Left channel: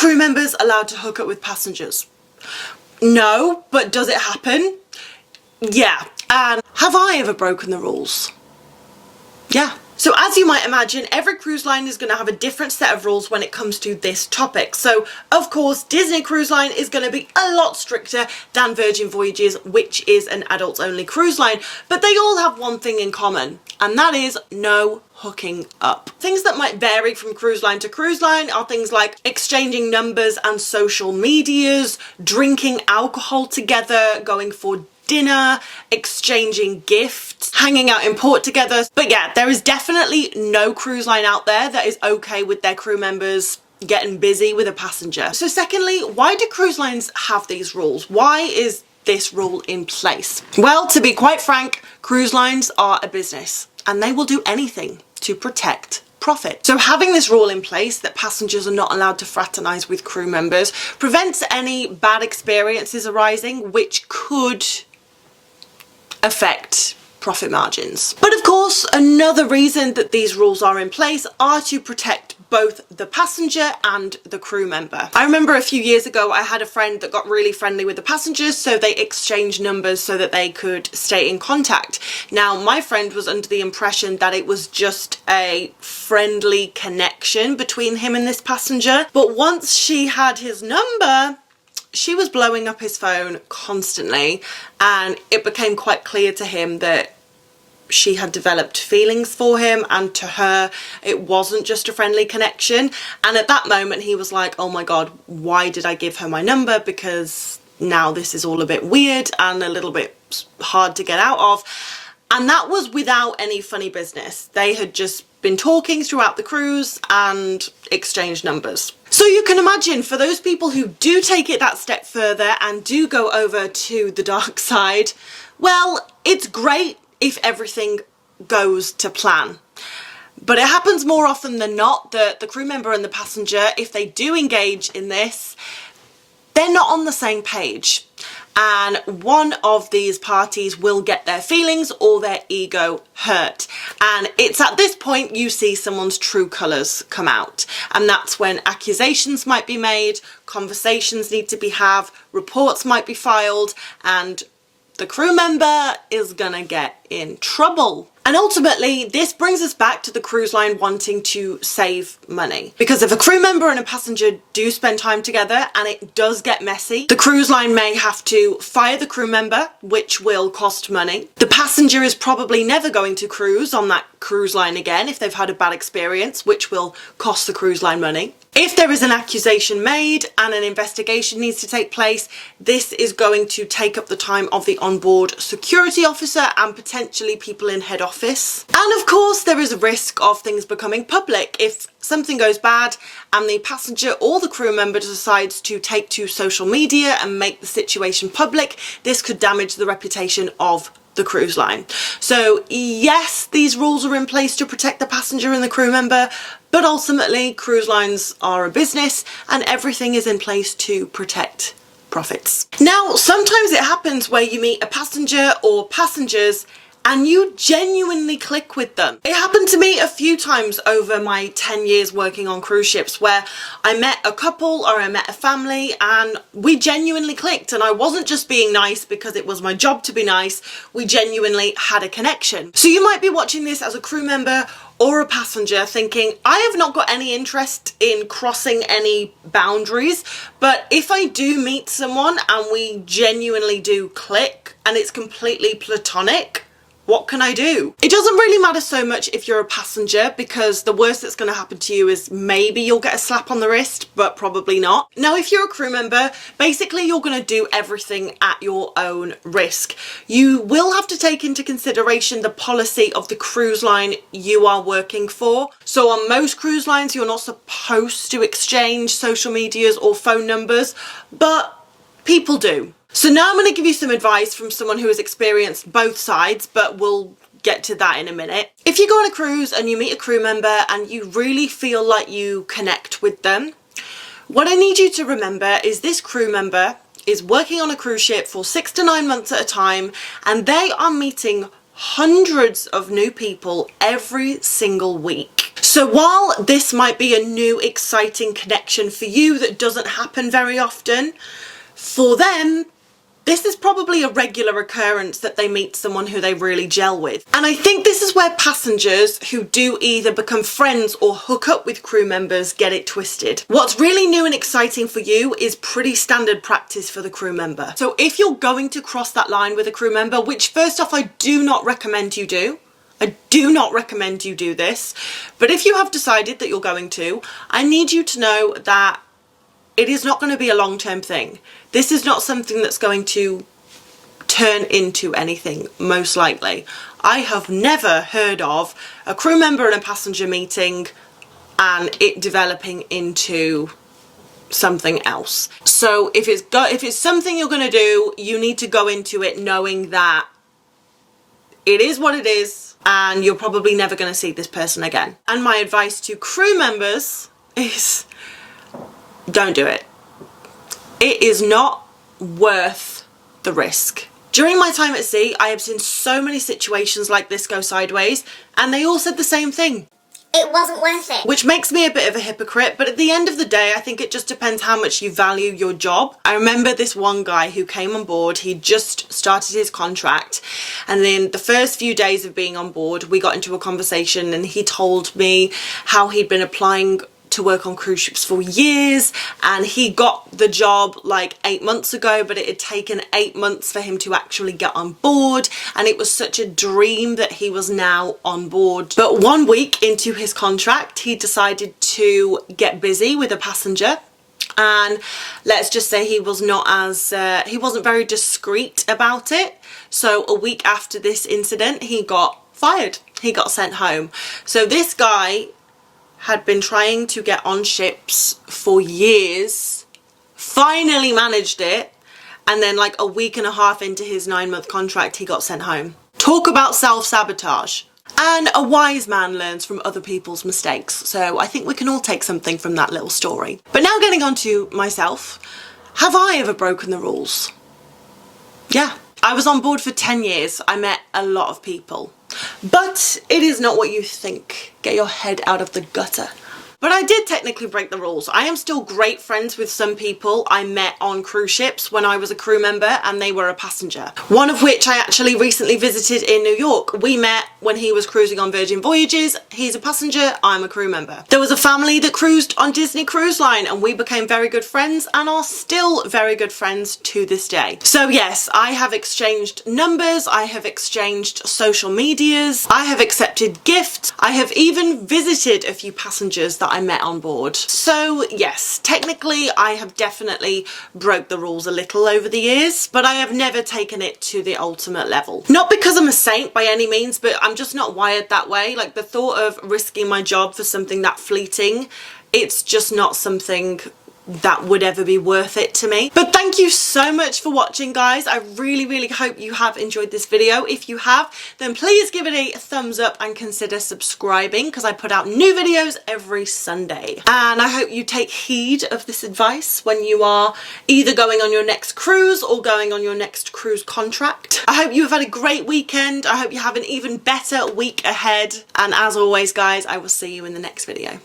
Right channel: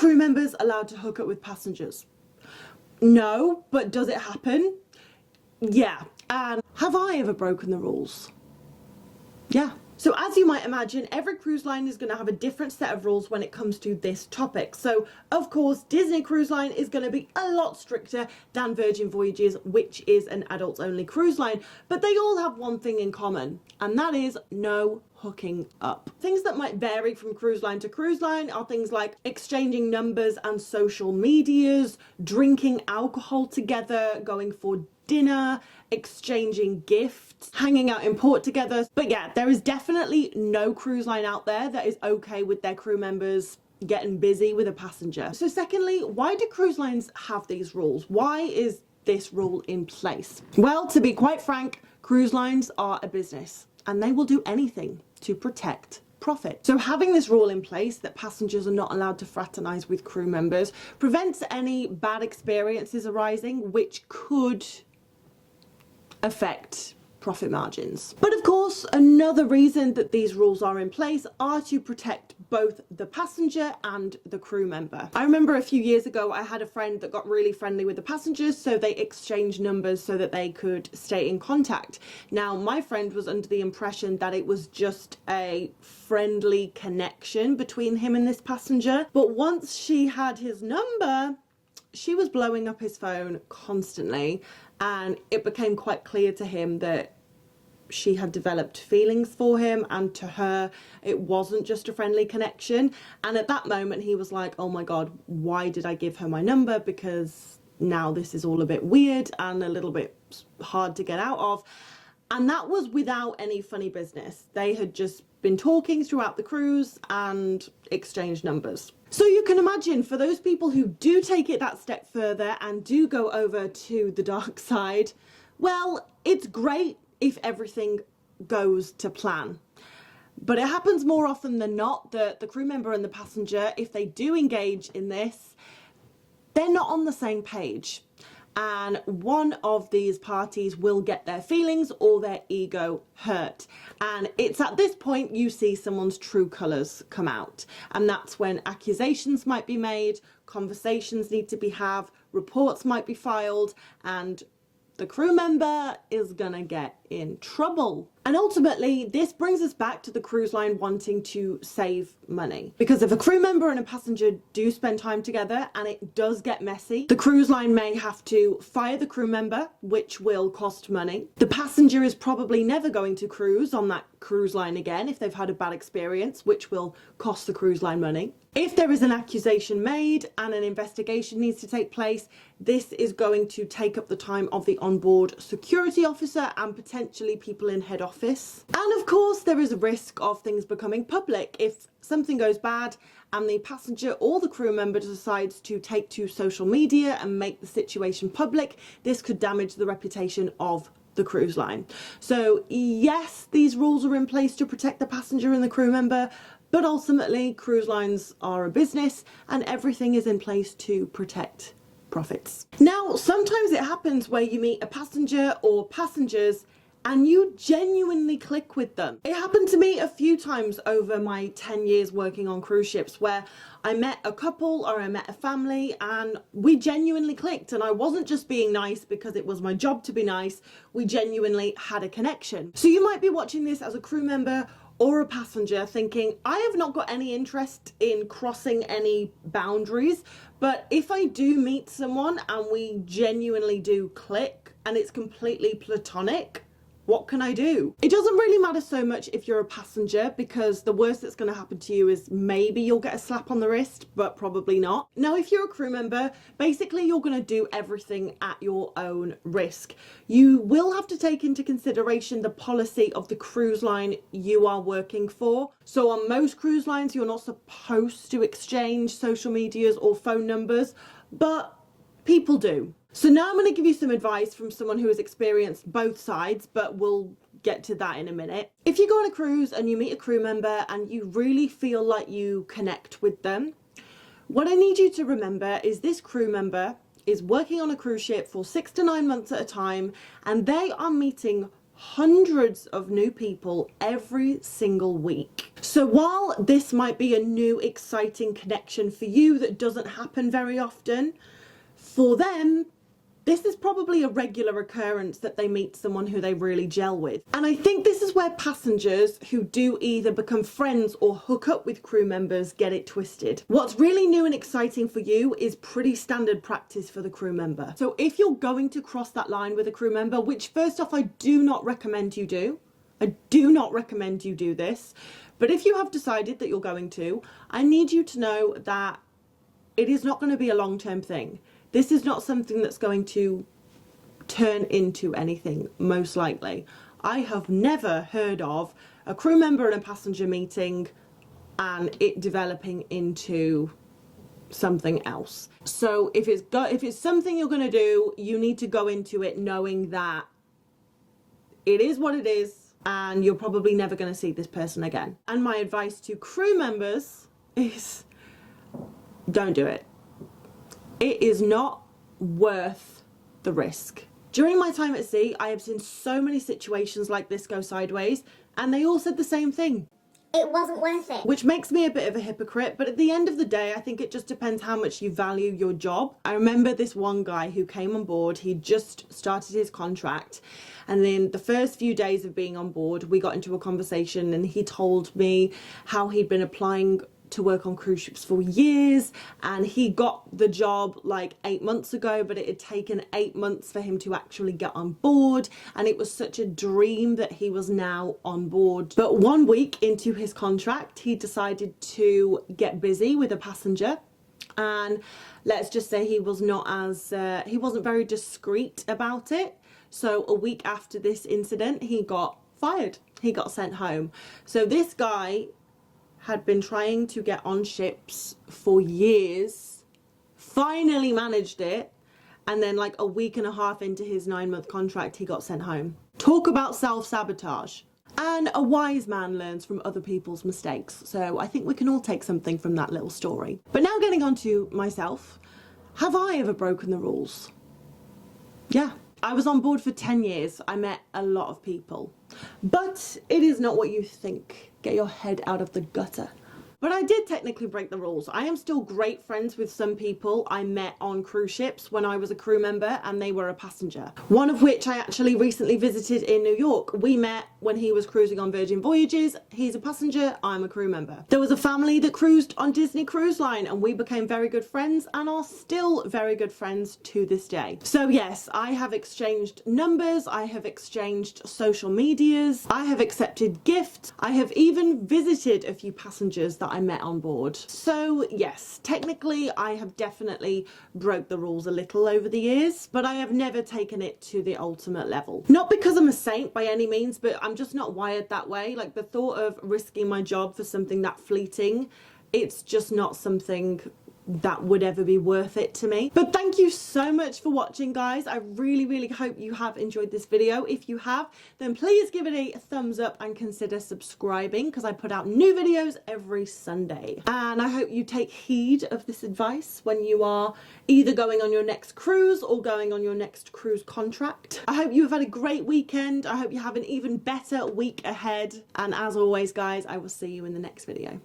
crew members allowed to hook up with passengers? No, but does it happen? Yeah. And have I ever broken the rules? Yeah. So as you might imagine, every cruise line is going to have a different set of rules when it comes to this topic. So of course, Disney Cruise Line is going to be a lot stricter than Virgin Voyages, which is an adults only cruise line, but they all have one thing in common, and that is no hooking up. Things that might vary from cruise line to cruise line are things like exchanging numbers and social medias, drinking alcohol together, going for dinner, exchanging gifts, hanging out in port together. But yeah, there is definitely no cruise line out there that is okay with their crew members getting busy with a passenger. So secondly, why do cruise lines have these rules? Why is this rule in place? Well, to be quite frank, cruise lines are a business and they will do anything to protect profit. So having this rule in place that passengers are not allowed to fraternize with crew members prevents any bad experiences arising, which could affect profit margins. But of course, another reason that these rules are in place are to protect both the passenger and the crew member. I remember a few years ago, I had a friend that got really friendly with the passengers, so they exchanged numbers so that they could stay in contact. Now, my friend was under the impression that it was just a friendly connection between him and this passenger, but once she had his number, she was blowing up his phone constantly, and it became quite clear to him that she had developed feelings for him, and to her it wasn't just a friendly connection. And at that moment he was like, oh my god, why did I give her my number? Because now this is all a bit weird and a little bit hard to get out of. And that was without any funny business. They had just been talking throughout the cruise and exchanged numbers. So you can imagine, for those people who do take it that step further and do go over to the dark side, well, it's great if everything goes to plan. But it happens more often than not that the crew member and the passenger, if they do engage in this, they're not on the same page. And one of these parties will get their feelings or their ego hurt. And it's at this point you see someone's true colours come out. And that's when accusations might be made, conversations need to be had, reports might be filed, and the crew member is gonna get in trouble. And ultimately, this brings us back to the cruise line wanting to save money. Because if a crew member and a passenger do spend time together and it does get messy, the cruise line may have to fire the crew member, which will cost money. The passenger is probably never going to cruise on that cruise line again if they've had a bad experience, which will cost the cruise line money. If there is an accusation made and an investigation needs to take place, this is going to take up the time of the onboard security officer and potentially people in head office. And of course, there is a risk of things becoming public. If something goes bad and the passenger or the crew member decides to take to social media and make the situation public, this could damage the reputation of the cruise line. So yes, these rules are in place to protect the passenger and the crew member, but ultimately cruise lines are a business and everything is in place to protect profits. Now, sometimes it happens where you meet a passenger or passengers and you genuinely click with them. It happened to me a few times over my 10 years working on cruise ships, where I met a couple or I met a family and we genuinely clicked, and I wasn't just being nice because it was my job to be nice, we genuinely had a connection. So you might be watching this as a crew member or a passenger thinking, I have not got any interest in crossing any boundaries, but if I do meet someone and we genuinely do click and it's completely platonic, what can I do? It doesn't really matter so much if you're a passenger, because the worst that's going to happen to you is maybe you'll get a slap on the wrist, but probably not. Now, if you're a crew member, basically you're going to do everything at your own risk. You will have to take into consideration the policy of the cruise line you are working for. So on most cruise lines, you're not supposed to exchange social medias or phone numbers, but people do. So now I'm going to give you some advice from someone who has experienced both sides, but we'll get to that in a minute. If you go on a cruise and you meet a crew member and you really feel like you connect with them, what I need you to remember is this crew member is working on a cruise ship for 6 to 9 months at a time, and they are meeting hundreds of new people every single week. So while this might be a new exciting connection for you that doesn't happen very often, for them, this is probably a regular occurrence that they meet someone who they really gel with. And I think this is where passengers who do either become friends or hook up with crew members get it twisted. What's really new and exciting for you is pretty standard practice for the crew member. So if you're going to cross that line with a crew member, which first off, I do not recommend you do. I do not recommend you do this. But if you have decided that you're going to, I need you to know that it is not going to be a long-term thing. This is not something that's going to turn into anything, most likely. I have never heard of a crew member and a passenger meeting and it developing into something else. So if it's something you're going to do, you need to go into it knowing that it is what it is and you're probably never going to see this person again. And my advice to crew members is don't do it. It is not worth the risk. During my time at sea, I have seen so many situations like this go sideways, and they all said the same thing. It wasn't worth it. Which makes me a bit of a hypocrite, but at the end of the day, I think it just depends how much you value your job. I remember this one guy who came on board, he just started his contract, and then the first few days of being on board, we got into a conversation and he told me how he'd been applying to work on cruise ships for years, and he got the job like 8 months ago, but it had taken 8 months for him to actually get on board, and it was such a dream that he was now on board. But 1 week into his contract, he decided to get busy with a passenger, and let's just say he was not as he wasn't very discreet about it. So a week after this incident, he got fired. He got sent home. So this guy had been trying to get on ships for years, finally managed it, and then like a week and a half into his 9-month contract, he got sent home. Talk about self-sabotage. And a wise man learns from other people's mistakes. So I think we can all take something from that little story. But now getting on to myself, have I ever broken the rules? Yeah. I was on board for 10 years. I met a lot of people. But it is not what you think. Get your head out of the gutter. But I did technically break the rules. I am still great friends with some people I met on cruise ships when I was a crew member and they were a passenger. One of which I actually recently visited in New York. We met when he was cruising on Virgin Voyages. He's a passenger, I'm a crew member. There was a family that cruised on Disney Cruise Line and we became very good friends and are still very good friends to this day. So yes, I have exchanged numbers, I have exchanged social medias, I have accepted gifts, I have even visited a few passengers that I met on board. So yes, technically I have definitely broke the rules a little over the years, but I have never taken it to the ultimate level. Not because I'm a saint by any means, but I'm just not wired that way. Like the thought of risking my job for something that fleeting, it's just not something that would ever be worth it to me. But thank you so much for watching, guys. I really hope you have enjoyed this video. If you have, then please give it a thumbs up and consider subscribing because I put out new videos every Sunday. And I hope you take heed of this advice when you are either going on your next cruise or going on your next cruise contract. I hope you have had a great weekend. I hope you have an even better week ahead. And as always, guys, I will see you in the next video.